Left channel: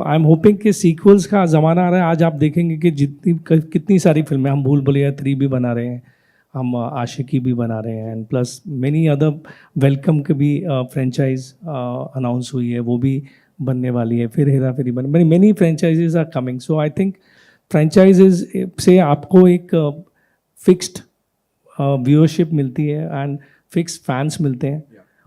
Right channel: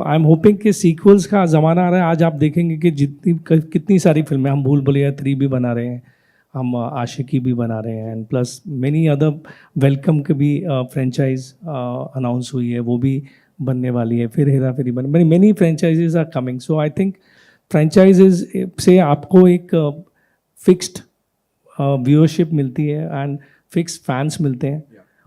I am hoping कि sequels का ज़माना आ रहा है। आज आप देखेंगे कि कितनी सारी फिल्में, हम भूल भुलैया 3 भी बना रहे हैं, हम आशिकी भी बना रहे हैं, and plus many other welcome के भी फ्रेंचाइज अनाउंस हुई है, वो भी बनने वाली है। फिर हेरा फेरी बन many franchises are coming. So I think franchises से आपको एक फिक्स्ड व्यूअरशिप मिलती है एंड फिक्स फैंस मिलते हैं।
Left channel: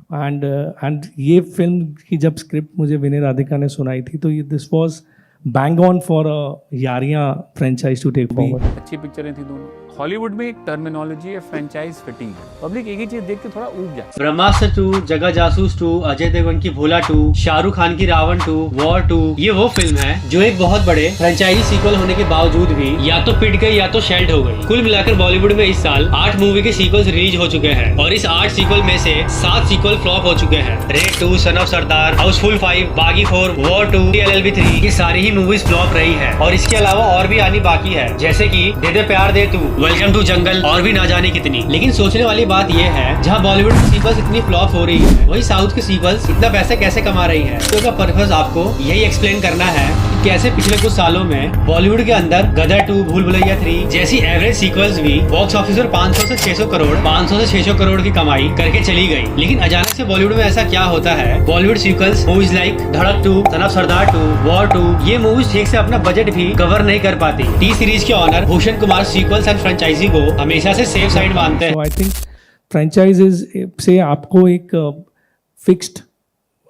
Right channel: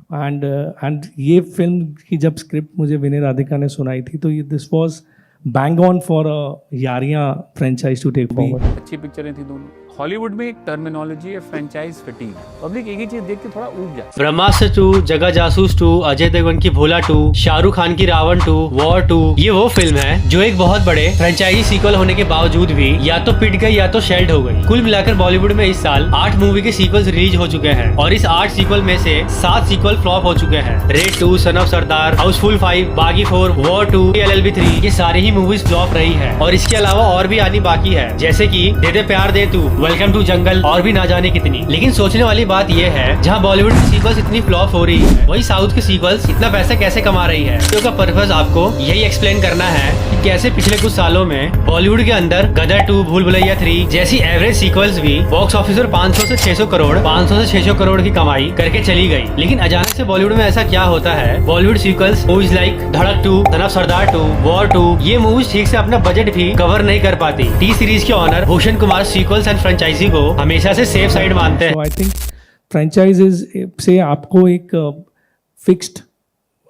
एंड ये फिल्म की जब स्क्रिप्ट मुझे विनय राधिका ने सुनाई थी तो ये this was bang on for Yaariyan franchise to take forward. अच्छी पिक्चरें थी दोनों। हॉलीवुड में एक टर्मिनोलॉजी है फ्रेंचाइज फटीग। पब्लिक एक ही चीज देख के थोड़ा ऊब जाती है। ब्रह्मास्त्र 2, जगह जासूस 2, अजय देवगन की भोला 2, शाहरुख खान की रावण 2, वॉर 2, ये वो फिल्म है जो एक बहुत बड़े फ्रेंचाइजी सीक्वल होने के बावजूद भी या तो पिट गई या तो शेल्ड हो गई। कुल मिलाकर बॉलीवुड में इस साल 8 मूवी के सीक्वल्स रिलीज हो चुके हैं और इस 8 सीक्वल में से 7 सीक्वल फ्लॉप हो चुके हैं। रेड 2, सन ऑफ सरदार, हाउसफुल 5, बागी 4, वॉर 2, LLB 3, ये सारी ही मूवीज फ्लॉप रही है और इसके अलावा और भी आनी बाकी है, जैसे कि दे दे प्यार दे तू, वेलकम टू जंगल और भी ना जाने कितनी। लेकिन सोचने वाली बात यह है, जहां बॉलीवुड की सीक्वल्स इतनी फ्लॉप हो रही है, वही साउथ की सीक्वल्स इतना पैसा कैसे कमा रही है। तो का पर्पस आपको यही एक्सप्लेन करना है कि कैसे पिछले कुछ सालों में बॉलीवुड के अंदर गदर 2, भूल भुलैया 3 जैसी एवरेज सीक्वल्स भी बॉक्स ऑफिस पर 500 से 600 करोड़ 500 से 600 करोड़ की कमाई करके चली गई। लेकिन अचानक से बॉलीवुड में ऐसा क्या होता है, बॉलीवुड सीक्वल्स मूवीज लाइक धड़क 2, सन ऑफ सरदार 2, वॉर 2, ये मूवीज ठीक से अपना बजट भी कवर नहीं कर पाती। टी सीरीज के owner Bhushan Kumar sequels and franchisee को हमेशा से सेफ साइड मानते हैं। सो आई थिंक फ्रेंचाइजेज से आपको एक फिक्स्ड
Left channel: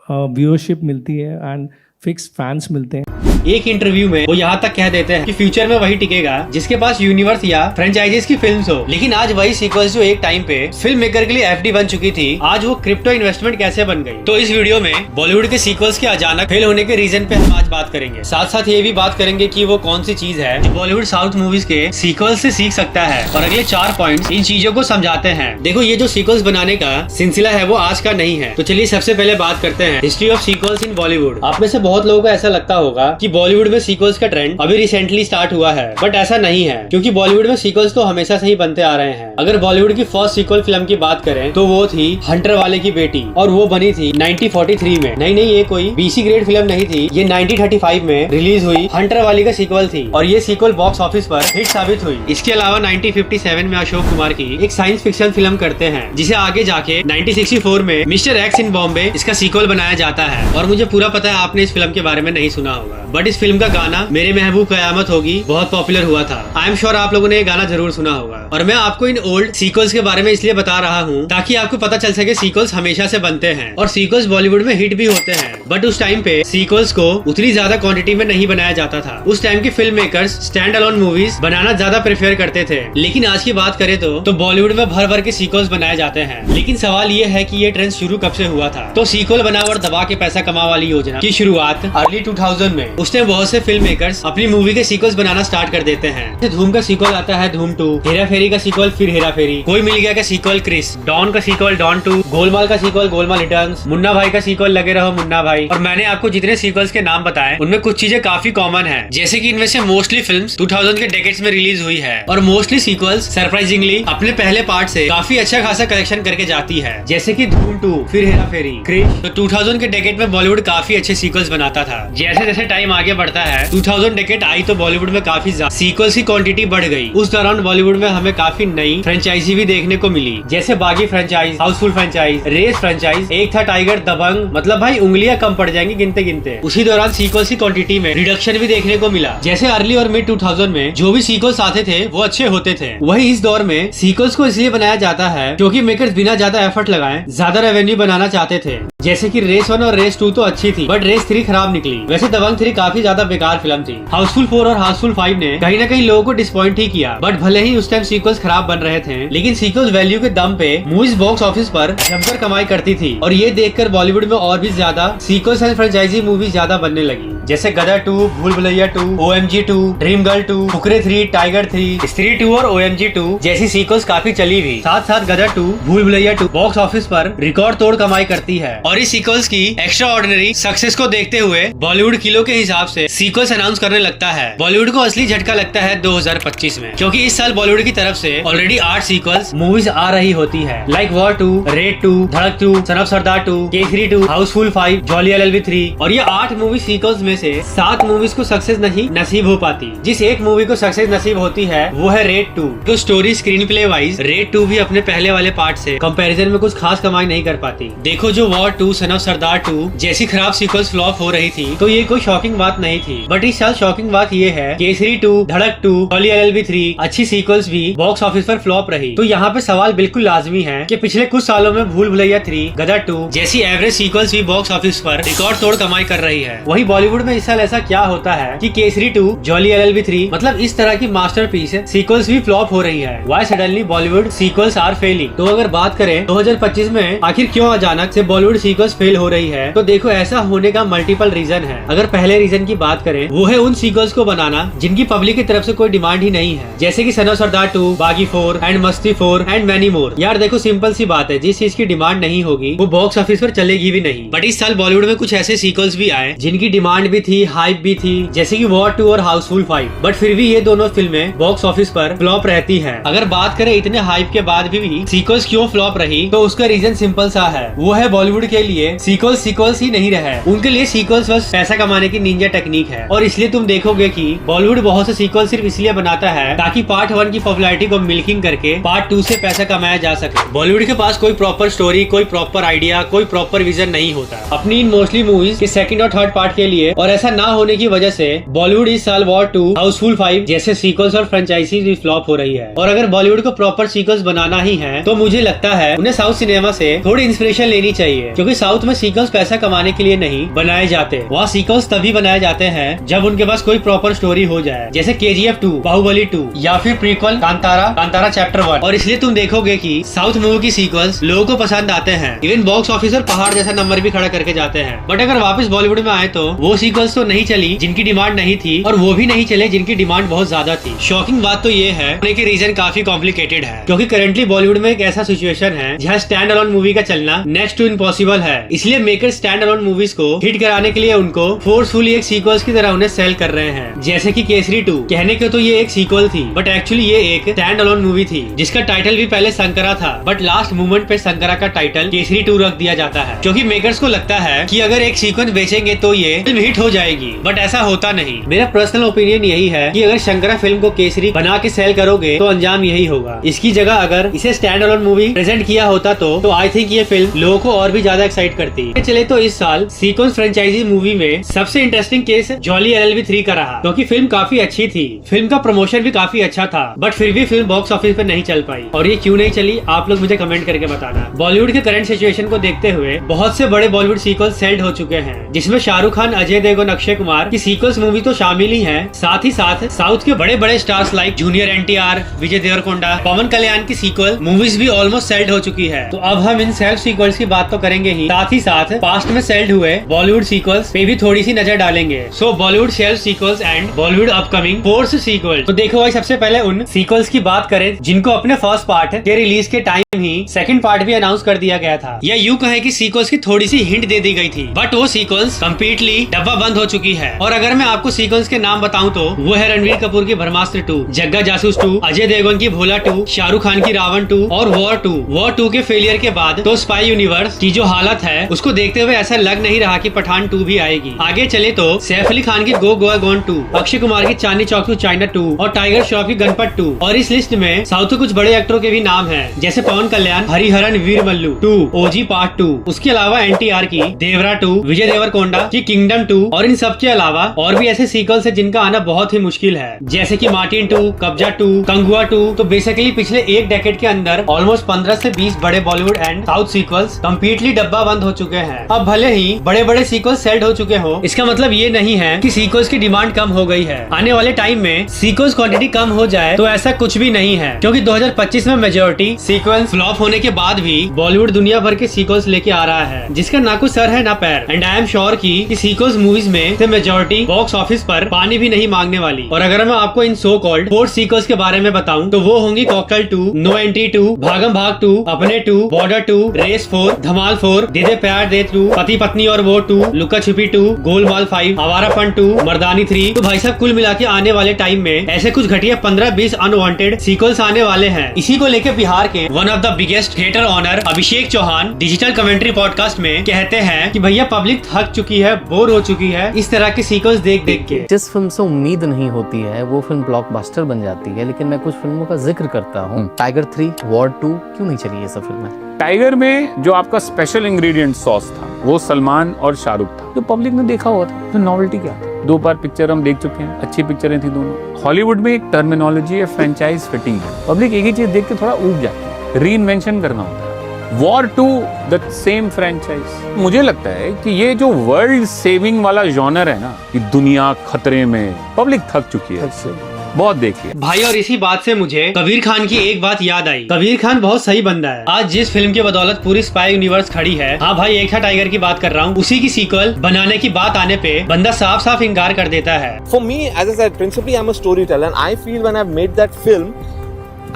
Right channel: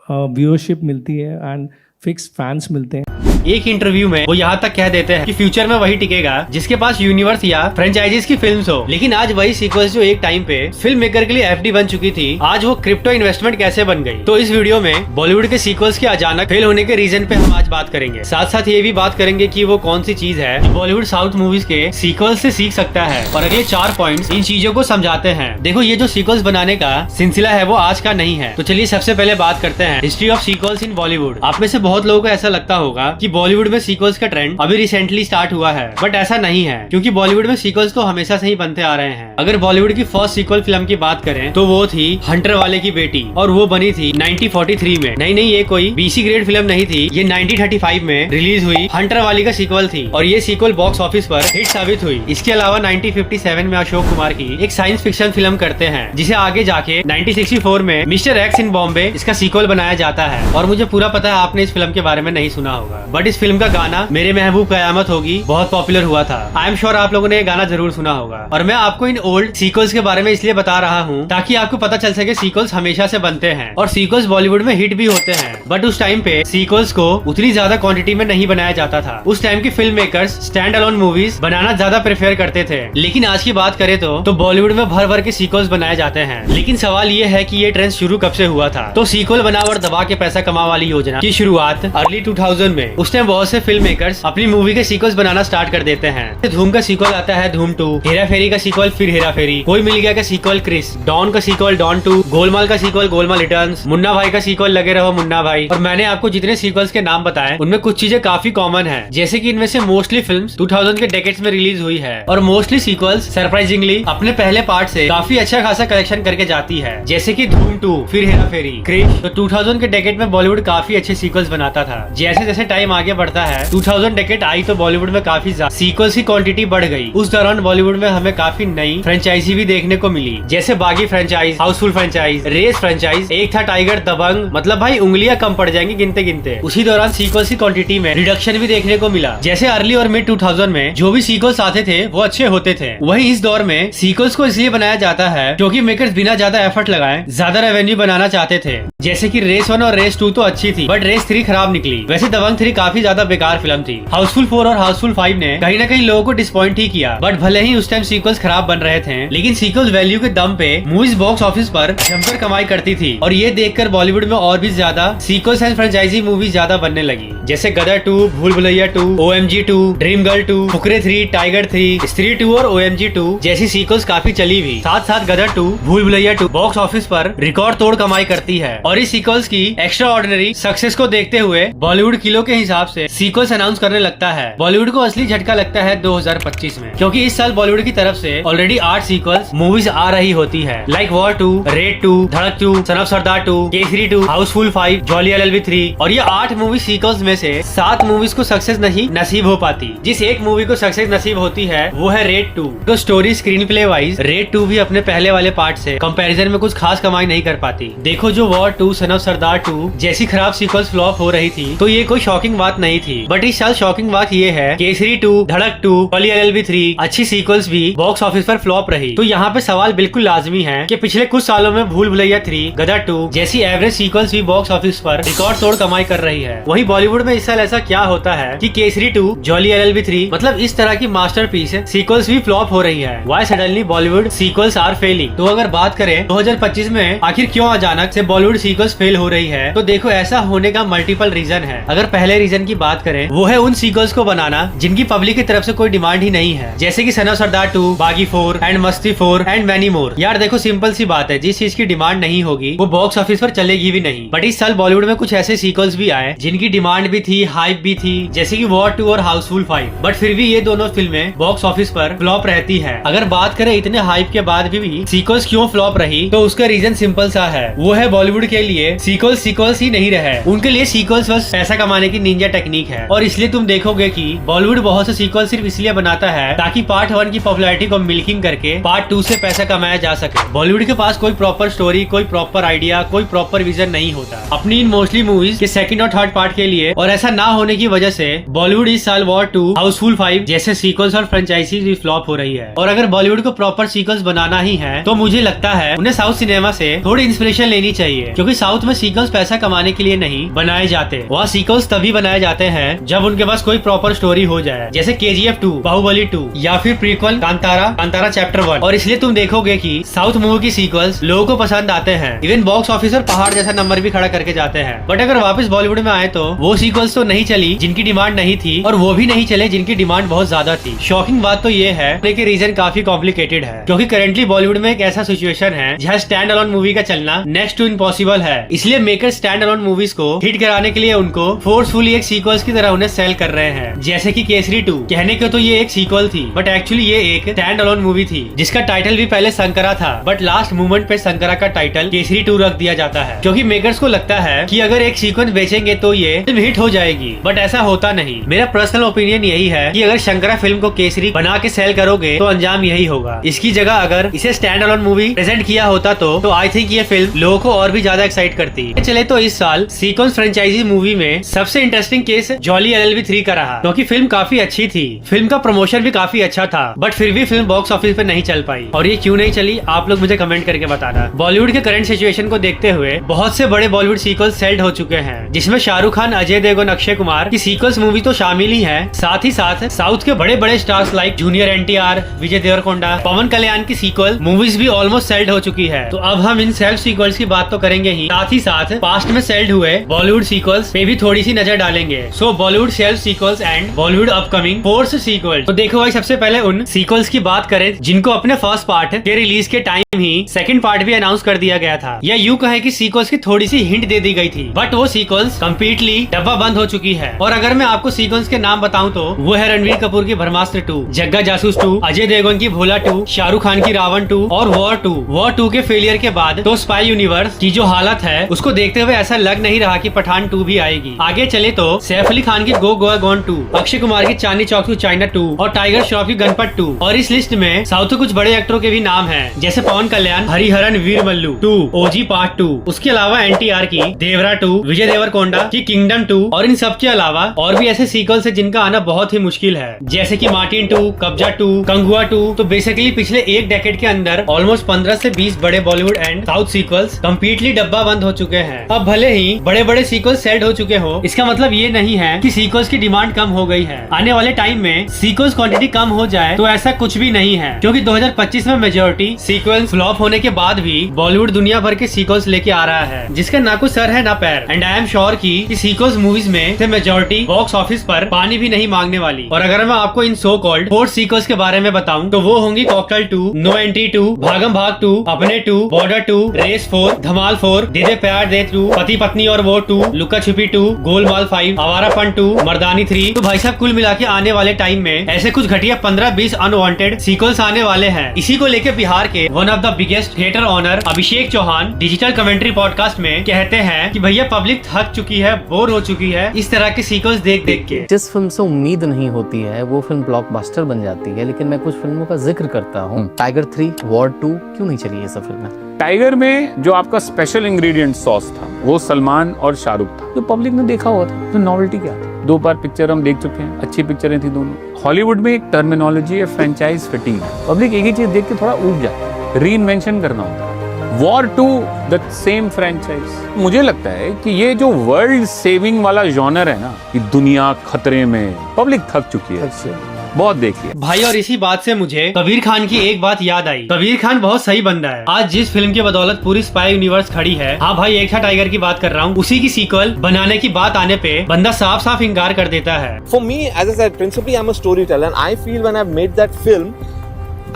व्यूअरशिप मिलती है एंड फिक्स फैंस मिलते हैं। एक इंटरव्यू में वो यहाँ तक कह देते हैं कि फ्यूचर में वही टिकेगा जिसके पास यूनिवर्स या फ्रेंचाइजीज की फिल्म्स हो। लेकिन आज वही सीक्वल्स जो एक टाइम पे फिल्म मेकर के लिए एफडी बन चुकी थी, आज वो क्रिप्टो इन्वेस्टमेंट कैसे बन गई। तो इस वीडियो में बॉलीवुड के सीक्वल्स के अचानक फेल होने के रीजन पे हम आज बात करेंगे। साथ साथ ये भी बात करेंगे कि वो कौन सी चीज है जो बॉलीवुड साउथ मूवीज के सीक्वल्स से सीख सकता है और अगले 4 पॉइंट्स इन चीजों को समझाते हैं। देखो, ये जो सीक्वल्स बनाने का सिलसिला है वो आज का नहीं है। तो चलिए सबसे पहले बात करते हैं हिस्ट्री ऑफ सीक्वल्स इन बॉलीवुड। आप में से बहुत लोगों को ऐसा लगता होगा कि बॉलीवुड में सीक्वल्स का ट्रेंड अभी रिसेंटली स्टार्ट हुआ है, बट ऐसा नहीं है, क्योंकि बॉलीवुड में सीक्वल्स तो हमेशा से ही बनते आ रहे हैं। अगर बॉलीवुड की फर्स्ट सीक्वल फिल्म की बात करें तो वो थी हंटर वाले की बेटी और वो बनी थी 1943 में। नहीं, ये कोई BC ग्रेड फिल्म नहीं थी, ये 1935 में रिलीज हुई हंटर वाली का सीक्वल थी और ये सीक्वल बॉक्स ऑफिस पर हिट साबित हुई। इसके अलावा 1957 में अशोक कुमार की एक साइंस फिक्शन फिल्म करते हैं जिसे आगे जाके 1964 में मिस्टर एक्स इन बॉम्बे इसका सीक्वल बनाया जाता है। और मुझे पूरा पता है आपने इस फिल्म के बारे में नहीं सुना होगा, बट इस फिल्म का गाना मेरे महबूब कयामत होगी बहुत पॉपुलर हुआ था। आई एम श्योर आप लोगों ने ये गाना जरूर सुना होगा। और मैं आपको इन ओल्ड सीक्वल्स के बारे में इसलिए बता रहा हूँ ताकि आपको पता चल सके सीक्वल्स हमेशा से बनते हैं और सीक्वल्स बॉलीवुड में हिट भी होते हैं। बट उस टाइम पे सीक्वल्स को उतनी ज्यादा क्वांटिटी में नहीं बनाया जाता था। उस टाइम की film makers stand alone movies बनाना ज्यादा प्रेफर करते थे। लेकिन आज की बात करें तो बॉलीवुड में भर भर के सीक्वल्स बनाए जाते हैं। लेकिन सवाल ये है कि ये ट्रेंड शुरू कब से हुआ था। तो सीक्वल बना और दबा के पैसा कमा वाली योजना की शुरुआत अर्ली 2000 में। उस टाइम बहुत से फिल्म मेकर्स अपनी मूवी के सीक्वल्स बनाना स्टार्ट कर देते हैं। धूम का सीक्वल आता है धूम 2, हेरा फेरी का सीक्वल फिर हेरा फेरी, कोई मिल गया का सीक्वल क्रिस, डॉन का सीक्वल डॉन 2, गोलमाल का सीक्वल गोलमाल रिटर्न्स, मुन्ना भाई का सीक्वल लगे रहो मुन्ना भाई। और मैंने आपको जितने सीक्वल्स के नाम बताए उनमें कुछ चीजें काफी कॉमन है, जैसे कि इनमें से मोस्टली फिल्म्स 2000 के डेकेड्स में रिलीज हुई है और मोस्टली सीक्वल्स सरप्राइजिंगली अपने पहले पार्ट से काफी अच्छा खासा कलेक्शन करके जाती है, जैसे कि धूम 2, फिर हेरा फेरी, क्रिस। तो 2000 के डेकेड में बॉलीवुड काफी अच्छे सीक्वल्स बनाता था। जैसे जैसे टाइम आगे बढ़ता है 2000 डेकेड आई तो बॉलीवुड में काफी सीक्वल्स की क्वांटिटी बढ़ गई। उस दौरान बॉलीवुड में हमें काफी नई फ्रेंचाइजी भी देखने को मिली, जैसे Baaghi franchise, Housefull franchise, Race franchise, Ek Tha tiger, दबंग, मतलब भाई उंगलियां कम पड़ जाएंगी गिनते गिनते। उसी दौरान सीक्वल्स की क्वांटिटी में रिडक्शन भी देखने को मिला, जैसे अर्ली और मिड 2000 में जो भी सीक्वल्स आते थे वो अच्छे होते थे। वही इस दौर में सीक्वल्स को इसलिए बनाया जाता है क्योंकि मेकर्स बिना ज्यादा एफर्ट लगाए ज्यादा रेवेन्यू बनाना चाहते थे। जैसे कि रेस 1 और रेस 2 तो अच्छी थी, बट रेस 3 खराब निकली। वैसे दबंग 3 काफी ज्यादा बेकार फिल्म थी। हाउसफुल 4 और हाउसफुल 5 ने कहीं ना कहीं लोगों को डिसपॉइंट ही किया, बट भले ही उस टाइम सीक्वल्स खराब बन रहे थे, लेकिन सीक्वल्स वैल्यू के दम पे मूवीज बॉक्स ऑफिस पर जमकर कमाई करती थी। और ये देखकर बॉलीवुड में और भी ज्यादा सीक्वल्स एंड फ्रेंचाइजी मूवीज ज्यादा बनने लगी, जैसे गदर 2, भूल Bhulaiyaa 2, OMG 2, dream girl 2, Fukrey 3, tiger 3, स्त्री 2 और OMG 2 जैसी सीक्वल्स काफी चली भी। साथ साथ गदर 2, भूल भुलैया 2 बॉक्स ऑफिस पर रिकॉर्ड तोड़ कमाई करती है और इस सीक्वल्स की एक्स्ट्रा ऑर्डिनरी सक्सेस को देखते देखते हुए बॉलीवुड किलो के हिसाब से सीक्वल्स अनाउंस करने लगता है। बॉलीवुड को असली झटका लगता है 2025 में, क्योंकि इस साल बॉलीवुड की तरफ से ऑलरेडी 8 सीक्वल्स मूवीज आ रही होती है, लाइक वॉर 2, रेड 2, धड़क 2, son of Sardar 2, Kesari 2, Housefull 5, jolly LLB 3। और ये 8 मूवी सीक्वल्स में से 7 मूवीज को सक्सेस नहीं नसीब हो पाती। जिस एक मूवी को सक्सेस नसीब होती है वो है रेड 2। तो story screen play wise red 2 भी अपने पहले वाले पार्ट से कंपैरिजन में कुछ खास कमाई नहीं कर पाती। देखो, जो वॉर 2, सन ऑफ सरदार 2 जैसी खराब सीक्वल्स फ्लॉप हो रही थी तो ये कोई शॉकिंग बात नहीं थी। बट इस साल शॉकिंग बात ये है, केसरी 2, धड़क 2, जॉली LLB 3 अच्छी सीक्वल्स भी बॉक्स ऑफिस पर फ्लॉप रही। तो यहाँ पे सवाल बिल्कुल लाजमी है कि पिछले कुछ सालों में भूल भुलैया 3, गदर 2 जैसी एवरेज सीक्वल्स भी बॉक्स ऑफिस पर रिकॉर्ड तोड़ कमाई कर रही है। वही बॉलीवुड में इस साल ऐसा क्या होता है कि केसरी 2, जॉली LLB 3 मतलब इस तरह की मास्टरपीस सीक्वल्स भी फ्लॉप हो रही है। Why suddenly Bollywood sequels are failing? तो अगर बात करें 2025 में आखिर क्यों अचानक से बॉलीवुड सीक्वल्स फेल हो रही है, तो देखो ऐसा होने का मल्टीपल रीजन है। अगर पहले रीजन की बात करें वो है उन सीक्वल्स को बनाना जिनकी पब्लिक की तरफ से कोई डिमांड ही नहीं है, जैसे कि सन ऑफ सरदार 2, बागी 4 एंड मस्ती 4 एंड मैनी मोर। यार देखो, सिंपल सी बात है, जिस चीज की डिमांड नहीं होगी वो बॉक्स ऑफिस पर चलेगी भी नहीं। बट इस साल बॉलीवुड में कुछ ऐसे सीक्वल्स भी आए जिनकी डिमांड भी थी, हाइप भी थी, जैसे कि वॉर 2 और हाउसफुल 5। बट फिर भी ये दोनों फिल्में बॉक्स ऑफिस पर फ्लॉप रहती है। अगर बात करें इतने हाइप के बाद भी सीक्वल्स क्यों फ्लॉप रही, तो उसका रीजन सिंपल सा है, वो है बॉलीवुड के लिए सीक्वल्स ही नहीं रहे। उनके लिए सीक्वल्स बस पैसा कमाने की निंजा टेक्निक है। और इसलिए तुम देखोगे कि बॉलीवुड बहुत से सीक्वल सिर्फ इसलिए बनाता है ताकि पार्ट 1 की पॉपुलैरिटी को मिल्किंग करके पार्ट 2 से पैसा कमाया जा सके। बॉलीवुड के पास कोई प्रॉपर स्टोरी, कोई प्रॉपर आइडिया, कोई प्रॉपर विजन नहीं होता अपनी इन मोस्टली मूवीज के सेकंड और थर्ड पार्ट के लिए। और ऐसा ना होने की वजह से बॉलीवुड इस साल वॉर 2, हाउसफुल 5 जैसे सीक्वल्स और फ्रेंचाइजीज भी फ्लॉप हो रही है। और अगर बॉलीवुड को प्रॉपर सीक्वल्स बनाना ही है तो मुझे लगता है उन्हें साउथ सिनेमा से थोड़ी इंस्पिरेशन लेनी चाहिए, क्योंकि साउथ में सीक्वल्स पैसा कमाने के लिए नहीं बनाए जाते। वहाँ सीक्वल्स तभी बनाए जाते हैं जब उनके पास कोई प्रॉपर स्टोरी हो जाए, जैसे KGF 2, बाहुबली 2 या फिर प्रीक्वल कांतारा चैप्टर 1। और इसलिए तुम देखोगे कि साउथ मूवी की सीक्वल्स लोगों को पसंद आते हैं, इवन बॉक्स ऑफिस पर पहाड़ जैसा नंबर भी खड़ा करके जाते हैं। बट अगर वापस बॉलीवुड में आए तो वो सीक्वल्स तो नहीं चली जिनकी डिमांड नहीं थी, और वो भी नहीं चले जिनकी डिमांड बहुत ज्यादा थी। शॉकिंग बात तो ये है कि रीजन काफी कॉम्प्लिकेटेड है, क्योंकि करेंटली बॉलीवुड में एक ऐसा सिचुएशन है जहाँ स्टैंड अलोन मूवी का चलना नेक्स्ट टू इम्पॉसिबल है। इसलिए मेकर स्टैंड अलोन मूवीज को हिट कराने के लिए उनको फोर्सफुली एक सीक्वल्स की तरह उन्हें सेल कर रहे हैं। जैसे कि केसरी 2, कहने को तो ये एक सीक्वल थी, बट एक्चुअली ये एक स्टैंड अलोन मूवी थी जिसका टाइटल भी पहले शंकरा था, बट लास्ट मोमेंट पे शंकरा का टाइटल केसरी 2 रख दिया जाता है, क्योंकि मेकर्स को लगता है कि अगर एक सीक्वेंस बेचेंगे तो ये फिल्म हिट हो जाएगी। बट ऐसा होता नहीं। मेरा पर्सनल ओपिनियन यही है कि अगर शंकरा फिल्म को केसरी बना के सेल करोगे तो अंजाम यही होगा। इसकी जगह अगर इसे स्टैंड अलोन मूवी प्रेजेंट किया होता तो आई थिंक ये फिल्म लोगों को और भी ज्यादा एक्साइट करती। चले तो इस साल सीक्वेंस फ्रेंचाइजी मूवी में सबसे इंटरेस्टिंग केस जॉली LLB 3 का रहा, क्योंकि फिल्म काफी अच्छी थी, फिल्म का प्रमोशन भी काफी अच्छा था, बट फिर भी फिल्म बॉक्स ऑफिस पे नहीं चल पाई। और ये क्यों नहीं चली, आप लोग मुझे कमेंट करके बताना। बॉलीवुड के करंट सिचुएशन को देखते हुए बहुत से बड़े बॉलीवुड सीक्वल्स सेल्ड हो चुके हैं, जिसमें शाहरुख खान, अजय देवगन, अक्षय कुमार की सीक्वल्स मूवी तो शामिल ही है, साथ ही साथ साउथ के बड़े बड़े stars like junior NTR, Vijay Deverakonda, पवन कल्याण की सीक्वल मूवीज भी ऑलमोस्ट सेल्ड हो चुकी है। तो अब हम इन सेल्ड सीक्वल्स की बात तो करेंगे ही साथ पास्ट में सेल्ड हुए बॉलीवुड सीक्वल्स पे भी थोड़ी सी नजर डालेंगे। So Bollywood sold sequels and Bollywood upcoming force sequel. तो देखो भाई, सबसे पहले उन सीक्वल्स की बात करें जिनको अपने फर्स्ट पार्ट के रिलीज के टाइम ही सेकंड पार्ट भी अनाउंस कर दिया गया था, या यूं कहें कि सीक्वल्स की थोड़ी सी हिंट दे दी गई थी, बट वो सीक्वल्स कंप्लीटली डब्बा बंद हो चुकी है। और अगर मैं आपको सीक्वल्स के नाम बताऊं तो वो है रणवीर कपूर की ब्रह्मास्त्र 2, जग्गा जासूस 2, अजय देवगन की भोला 2, शाहरुख खान की रावण 2 और वॉर 2। वॉर 2 के फेलियर के बाद तो स्पाई यूनिवर्स की जो हालत है उसको देखते हुए ऐसा लग नहीं रहा कि पठान 2 भी आएगी। आगे चले तो सैफ अली खान की गो गोवा गॉन 2, अक्षय कुमार की चांदनी चौक टू चाइना 2 और टाइगर श्रॉफ की गणपत 2। और इस लिस्ट में साउथ के कुछ बड़े एक्टरों के भी नाम हैं, जैसे पवन कल्याण, हरिहरन वीरमल्लू 2, OG पार्ट 2। उसके अलावा NTR की देवरा 2, विजय देवरकोंडा की किंगडम 2 और इन सब के अलावा और भी ऐसे सीक्वल्स है जिनका आना बहुत ही मुश्किल है, जैसे कि मार्टिन 2, कब्जा 2, कंगुआ 2। तो बेसिकली पिछले एक डेकेड के अंदर ऑलमोस्ट 15 से 20 बड़े Bollywood and south sequels completely डब्बा बंद हो चुके हैं। अब भले ही बड़े बड़े सीक्वल्स सेल्ड हो चुके हो, इसका मतलब ये नहीं है कि सीक्वल्स की डिमांड कम हो गई है। आने वाले टाइम में सीक्वल्स क्वांटिटी कम हो जाए तो ऐसा कुछ भी नहीं है, क्योंकि 2025 में मेजोरिटी सीक्वल्स फ्लॉप होने के बाद भी बॉलीवुड दुनिया भर के सीक्वल्स लेके आ रहा है, जिसका ना कुछ सर है ना पैर। एंड आई एम श्योर की सीक्वल्स मूवीज में से मेजोरिटी बॉक्स ऑफिस पर पानी भी नहीं मांगने वाली। और अगर मैं आपको इन सो कॉल्ड फोर्थ सीक्वल्स के बारे में बताऊं तो वो होंगी कॉकटेल 2, नो एंट्री 2, भागम भाग 2, अपने 2, बॉर्डर 2, रेस 4, धमाल 4, दे दे प्यार दे 2, पति पत्नी और वो 2, लुक्का छिपी 2, गोलमाल 5, आवारापन 2, मर्दानी 3। तो भाई साहब कुल मिला के आने वाले टाइम में ऐसे कुछ घटिया 15-20 अनवांटेड सीक्वल्स आने वाले हैं। इसी को लेके बिहार के one of the biggest theatre owner Abhishek Chauhan digital commentary podcast में कहते हैं कि भैया पब्लिक थक चुकी है, बोर हो चुकी है इस तरह के सीक्वल्स देख देख के। जिस फिल्म से उम्मीद नहीं होती है वो फिल्म ब्लॉकबस्टर बन जाती है। लेकिन मैं कुछ फिल्मों का जिक्र करता हूँ। टाइगर 3, वॉर 2 क्यों नहीं चली ये सब फिल्में? टाइगर में जो आपका स्पेशल इंग्रेडिएंट सॉस था वो सलमान और शाहरुख था, जो पब्लिक ने देखा हुआ था। तो नॉवेल्टी क्या थी? 2 बार पिक्चर हम देख चुके हैं, अच्छी पिक्चरें थी दोनों। हॉलीवुड में एक टर्मिनोलॉजी है फ्रेंचाइज फिटिंग। पब्लिक एक ही चीज देख के थोड़ा ऊब जाती है, री इन्वेंशन करना होता है। War 2 the same franchise. मुझे लगता है कि ये जो वर्ल्ड सेविंग वाला जॉनर है ना, कि दुनिया खतरे में, पब्लिक थक चुकी है इससे, बहुत देखिए भाई। और इसी बात से मुझे कबीर खान की एक बात याद आई। कबीर खान बहुत सही बंदा है। आज जिस फिल्म की बदौलत पूरी स्पाई यूनिवर्स खड़ी है, हाँ भाई एक था टाइगर की बात कर रहा हूँ, उसी की सीक्वल बनाने की बात आने पे बंदा साफ साफ इनकार कर देता है। For me, as I said, principally I'm a storyteller, and I feel when I've made that film,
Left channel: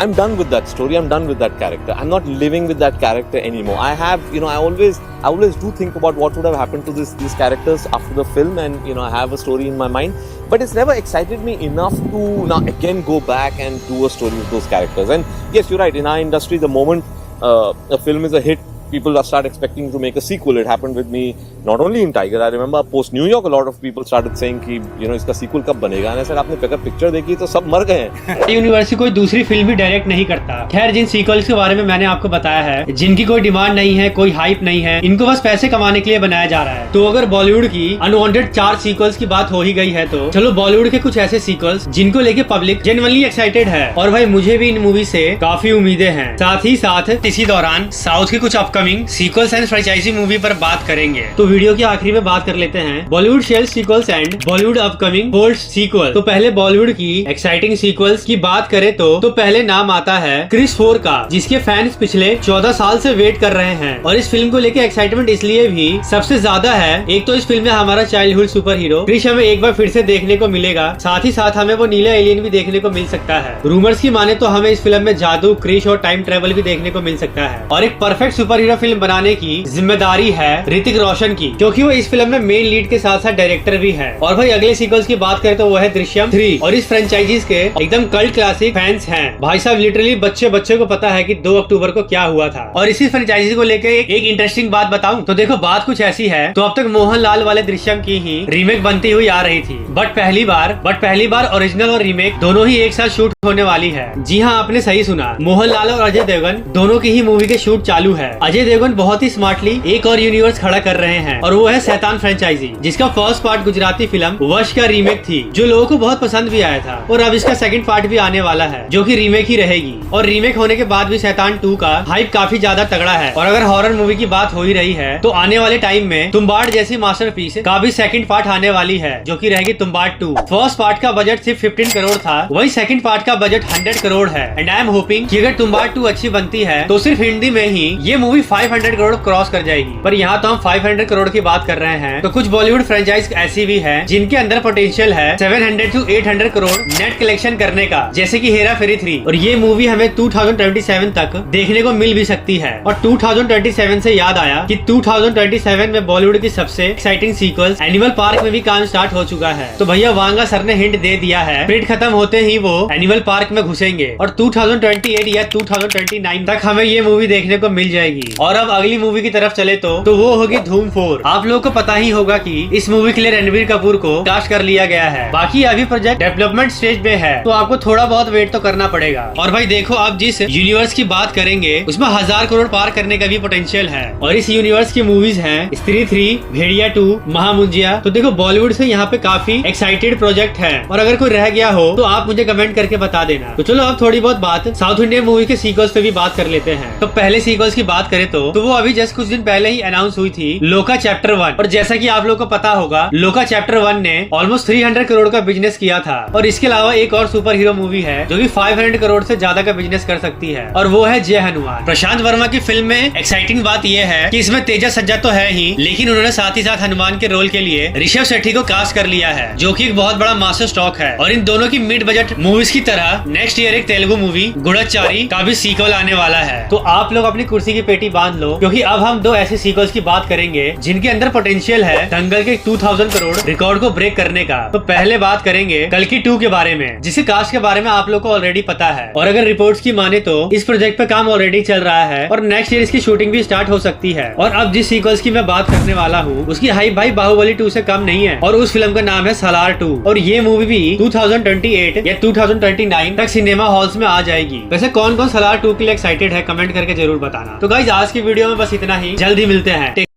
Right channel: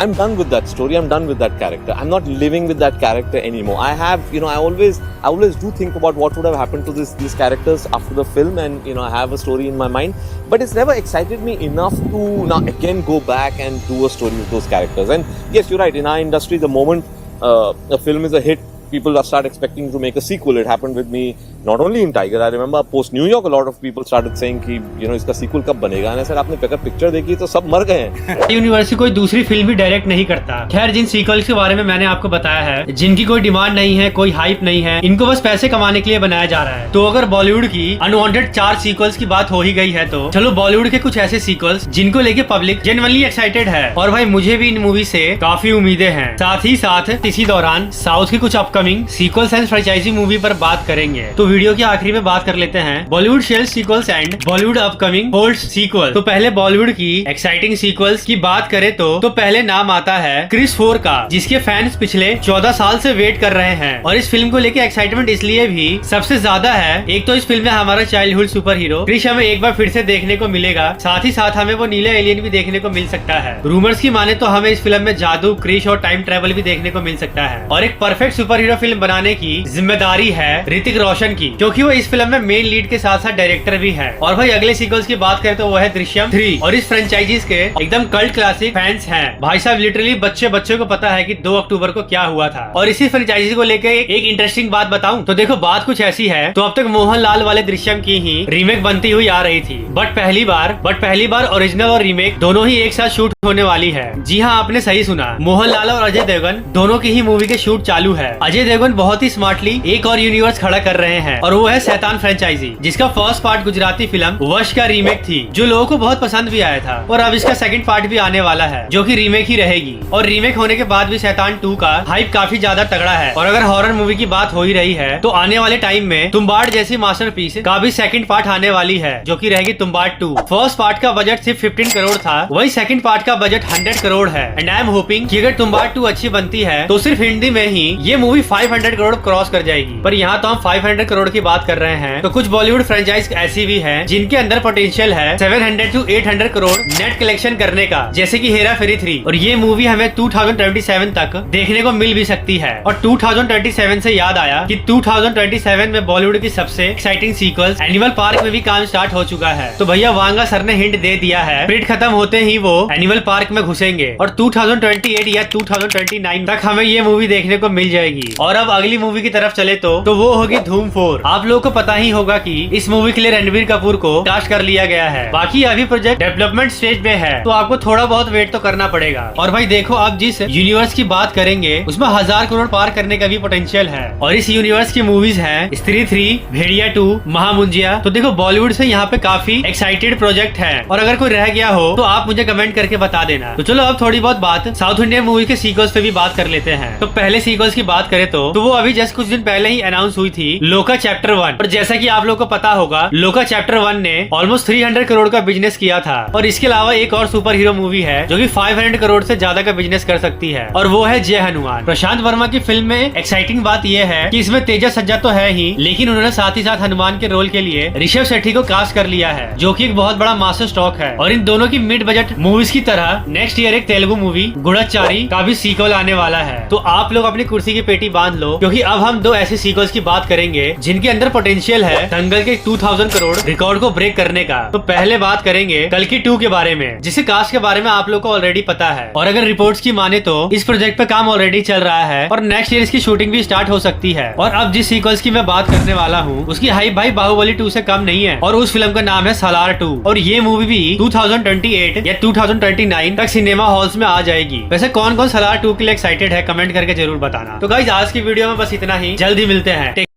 I'm done with that story. I'm done with that character. I'm not living with that character anymore. I have, I always do think about what would have happened to these characters after the film, and I have a story in my mind. But it's never excited me enough to now again go back and do a story with those characters. And yes, you're right. In our industry, the moment a film is a hit, people start expecting to make a sequel. It happened with me not only in Tiger. I remember post New York, a lot of people started saying कि इसका sequel कब बनेगा? And I said आपने अगर picture देखी तो सब मर गए हैं। यूनिवर्सिटी कोई दूसरी फिल्म भी डायरेक्ट नहीं करता। खैर जिन सीक्वल्स के बारे में मैंने आपको बताया है, जिनकी कोई डिमांड नहीं है, कोई हाइप नहीं है, इनको बस पैसे कमाने के लिए बनाया जा रहा है। तो अगर बॉलीवुड की अनवांटेड 4 सीक्वल्स की बात हो ही गई है, तो चलो बॉलीवुड के कुछ ऐसे सीक्वल्स जिनको लेके पब्लिक जेन्युइनली एक्साइटेड है। और भाई मुझे भी इन मूवी से काफी उम्मीदें हैं। साथ ही साथ इसी दौरान साउथ की कुछ upcoming sequels and franchise movie पर बात करेंगे। तो वीडियो के आखिरी में बात कर लेते हैं Bollywood share sequels and Bollywood upcoming hold sequel. तो पहले बॉलीवुड की एक्साइटिंग सीक्वल्स की बात करें तो पहले नाम आता है क्रिस 4 का, जिसके फैंस पिछले 14 साल से वेट कर रहे हैं। और इस फिल्म को लेकर एक्साइटमेंट इसलिए भी सबसे ज्यादा है, एक तो इस फिल्म में हमारा चाइल्डहुड सुपर हीरो क्रिस हमें एक बार फिर से देखने को मिलेगा। साथ ही साथ हमें वो नीला एलियन भी देखने को मिल सकता है। रूमर्स की माने तो हमें इस फिल्म में जादू, क्रिस और टाइम ट्रेवल भी देखने को मिल सकता है। और एक परफेक्ट सुपर हीरो फिल्म बनाने की जिम्मेदारी है ऋतिक रोशन की, क्योंकि वो इस फिल्म में मेन लीड के साथ साथ डायरेक्टर भी है। और भाई अगले सीक्वल्स की बात करें तो वो है दृश्यम 3। और इस फ्रेंचाइजीज के एकदम कल्ट क्लासिक फैंस हैं भाई साहब। लिटरली बच्चे को पता है कि 2 अक्टूबर को क्या हुआ था। और इसी फ्रेंचाइजी को लेकर एक इंटरेस्टिंग बात बताऊं तो देखो, बात कुछ ऐसी है। तो अब तक मोहनलाल वाले दृश्यम की ही रीमेक बनती हुई आ रही थी, बट पहली बार ओरिजिनल और रीमेक दोनों ही एक साथ शूट होने वाली है। जी हाँ, आपने सही सुना, मोहनलाल और अजय देवगन दोनों की ही मूवी के शूट चालू है। अजय देवगन बहुत ही स्मार्टली एक और यूनिवर्स खड़ा कर रहे हैं, और वो है शैतान फ्रेंचाइजी, जिसका फर्स्ट पार्ट गुजराती फिल्म वश का रीमेक थी, जो लोगों को बहुत पसंद भी आया था। और अब इसका सेकंड पार्ट भी आने वाला है, जो कि रीमेक ही रहेगी। और रीमेक होने के बाद भी शैतान 2 का हाइप काफी ज्यादा तगड़ा है। और अगर हॉरर मूवी की बात हो ही रही है, तो आने वाले टाइम में तुम्बाड़ जैसी मास्टरपीस का भी सेकंड पार्ट आने वाली है, जो कि रहेगी तुम्बाड़ 2। फर्स्ट पार्ट का बजट सिर्फ 15 करोड़ था, वही सेकंड पार्ट का बजट 100 करोड़ है। एंड आई एम होपिंग कि अगर तुम्बाड़ 2 अच्छी बनती है तो सिर्फ हिंदी में ही ये मूवी 500 करोड़ क्रॉस कर जाएगी। पर यहाँ तो हम 500 करोड़ की बात कर रहे हैं, तो कुछ बॉलीवुड फ्रेंचाइज ऐसी भी है जिनके अंदर पोटेंशियल है 700 to 800 करोड़ नेट कलेक्शन करने का, जैसे कि हेरा फेरी 3। और ये मूवी हमें 2027 तक देखने को मिल भी सकती है। और 2027 से याद आया कि 2027 में बॉलीवुड की सबसे एक्साइटिंग सीक्वल्स एनिमल पार्क में भी काम स्टार्ट हो चुका है। तो भैया वांगा सर ने हिंट दे दिया है, प्रिंट खत्म होते ही वो एनिमल पार्क में घुसेंगे और 2028 या 2029 तक हमें ये मूवी देखने को मिल जाएगी। और अब अगली मूवी की तरफ चले तो वो होगी धूम 4। आप लोगों को पता ही होगा कि इस मूवी के लिए रणबीर कपूर को कास्ट कर लिया गया है। बाकी अभी प्रोजेक्ट डेवलपमेंट स्टेज में है, तो आपको थोड़ा बहुत वेट तो करना पड़ेगा। और भाई देखो, अब जिस यूनिवर्स की बात करेंगे उसमें 1000 करोड़ पार करने का भी पोटेंशियल है। और इस यूनिवर्स की मूवीज हैं स्त्री 3, भेड़िया 2, महामुंजिया। तो देखो बॉलीवुड से यहाँ पे काफी एक्साइटेड प्रोजेक्ट है। और अगर कोई रह गया हो तो आप मुझे कमेंट करके बता देना। तो चलो अब थोड़ी बहुत बात साउथ इंडियन मूवी के सीक्वल्स पे भी बात कर लेते हैं। तो पहले सीक्वल्स की बात करें तो वो अभी जस्ट कुछ दिन पहले ही अनाउंस हुई थी, लोका चैप्टर 1। और जैसा कि आप लोगों को पता होगा, लोका चैप्टर 1 ने ऑलमोस्ट 300 करोड़ का बिजनेस किया था। और इसके अलावा एक और सुपर हीरो मूवी है जो कि 500 करोड़ से ज्यादा का बिजनेस कर सकती है, और वो है जय हनुमान। प्रशांत वर्मा की फिल्म में एक्साइटिंग बात यह है कि इसमें तेजा सज्जा तो है ही, लेकिन उन्होंने साथ ही साथ हनुमान के रोल के लिए ऋषभ शेट्टी को कास्ट कर लिया है, जो कि एक बहुत बड़ा मास्टर स्ट्रोक है। और इन दोनों की मिड बजट मूवीज की तरह नेक्स्ट ईयर एक तेलुगु मूवी गुड़चारी का भी सीक्वल आने वाला है। तो आप लोग अपनी कुर्सी की पेटी बांध लो, क्योंकि अब हम 2 ऐसे सीक्वल्स की बात करेंगे जिनके अंदर पोटेंशियल है दंगल के 2000 करोड़ रिकॉर्ड को ब्रेक करने का। तो पहले बात करेंगे कल्कि 2 के बारे में, जिसे कास्ट के बारे में आप लोग को ऑलरेडी पता है। और अगर रिपोर्ट्स की माने तो इस प्रोजेक्ट पे काम ऑलरेडी चल रहा है और नेक्स्ट ईयर इसकी शूटिंग भी स्टार्ट हो सकती है। और अब जिस सीक्वल्स की मैं बात करने वाला हूँ उसकी हाइप भाई बाहुबली 2 से कम नहीं है और उस फिल्म का नाम है सालार 2 और ये मूवी भी 2028 या 2029 तक सिनेमा हॉल्स में आ जाएगी। वैसे कौन कौन सालार 2 के लिए एक्साइटेड है कमेंट करके जरूर बताना। तो गाइस आज की वीडियो में बस इतना ही, जल्द ही मिलते हैं।